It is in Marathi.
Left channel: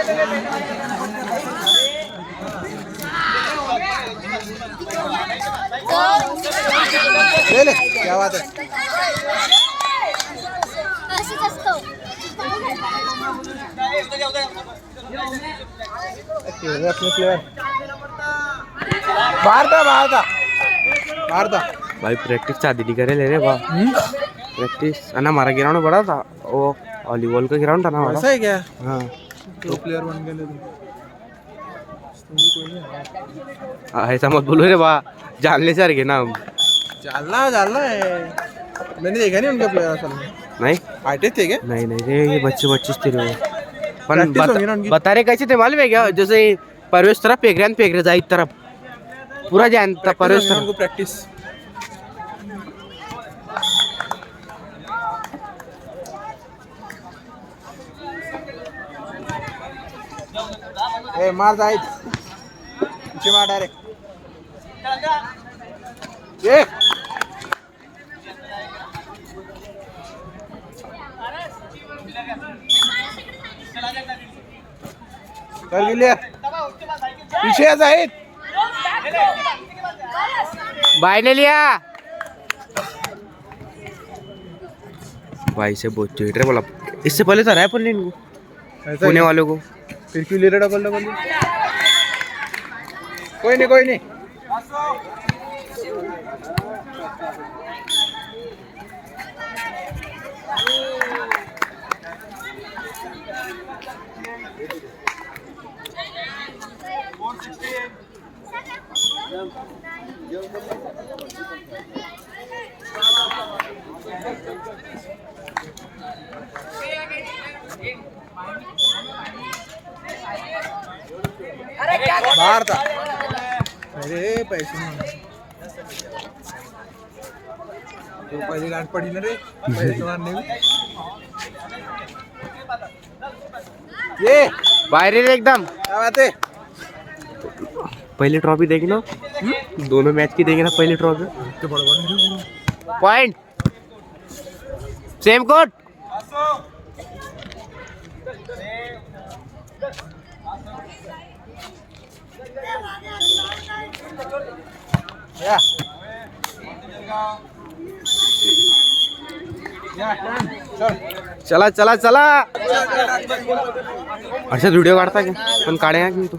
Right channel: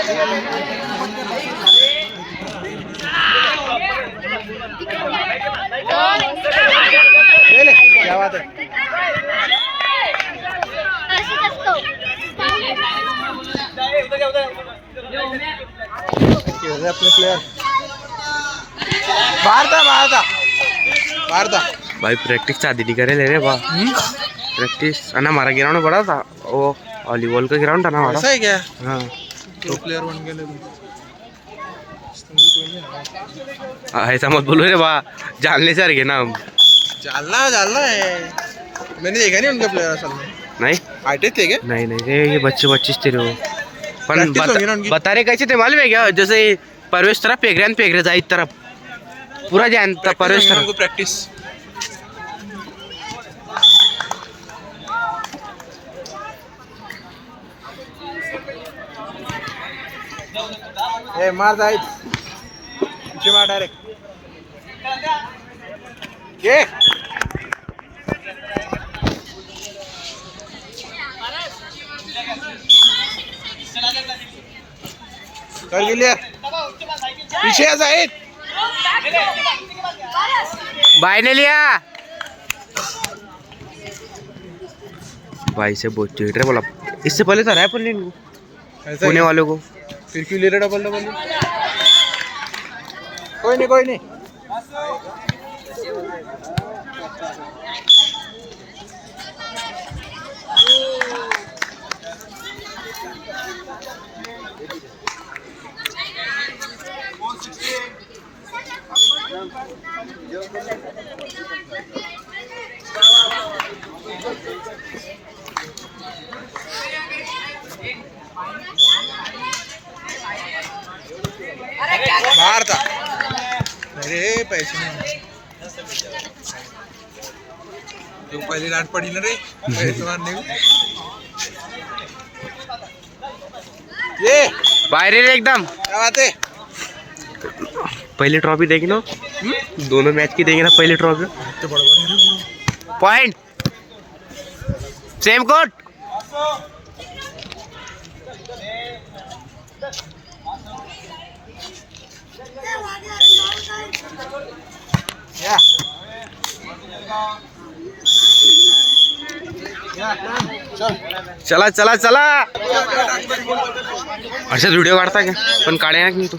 ले ले, क्या बात है। अपने प्लेयर बाहर था भाई प्रैक्टिस शादी नहीं करे ले रहे बा प्रैक्टिस है ना। हमारा ग्राउंड बड़ा था वो वॉलीबॉल का ग्राउंड था ना हमारा। ऐसा है क्या? हाँ तो प्लेयर बन गए ऐसा मत बोलो रे बा, जानले से रखे ना हम। जानना है, मैंने देखा नहीं उनके प्लेयर असल में। नहीं हाइटेड थे क्या? नहीं नहीं रे, ये बच्चे थे वो। पण Practice होगी ना उनकी? बता रहे कैसे थे मालूम है क्या? जैसे परवेश तरफ फेंक रहे जाए तरफ पूरा जानता परवेश तरफ। उनको प्रैक्टिस ए मार जायत पीछे मार डायरेक्ट ये कर क्लियर पीछे आ जायत भाई ने लिया भाई से बहुत चीट रहे बोला। इससे पहले तो हराया पुणे इनको, पुणे वालों को। फिर क्यों ले रहा डबल कोई नहीं बाहर था। अरे पैसे नहीं तो पहले डांट पड़ी ना रे पैसे मारने में। ये बाहर रे एकदम। क्या बात है? पहली ट्रॉफी देगी ना, दोनों मैच की देगी ना पहली ट्रॉफी। Point same coat. चला चला चला. अच्छा व्हिडिओ काढता का? पण काढे ना तू.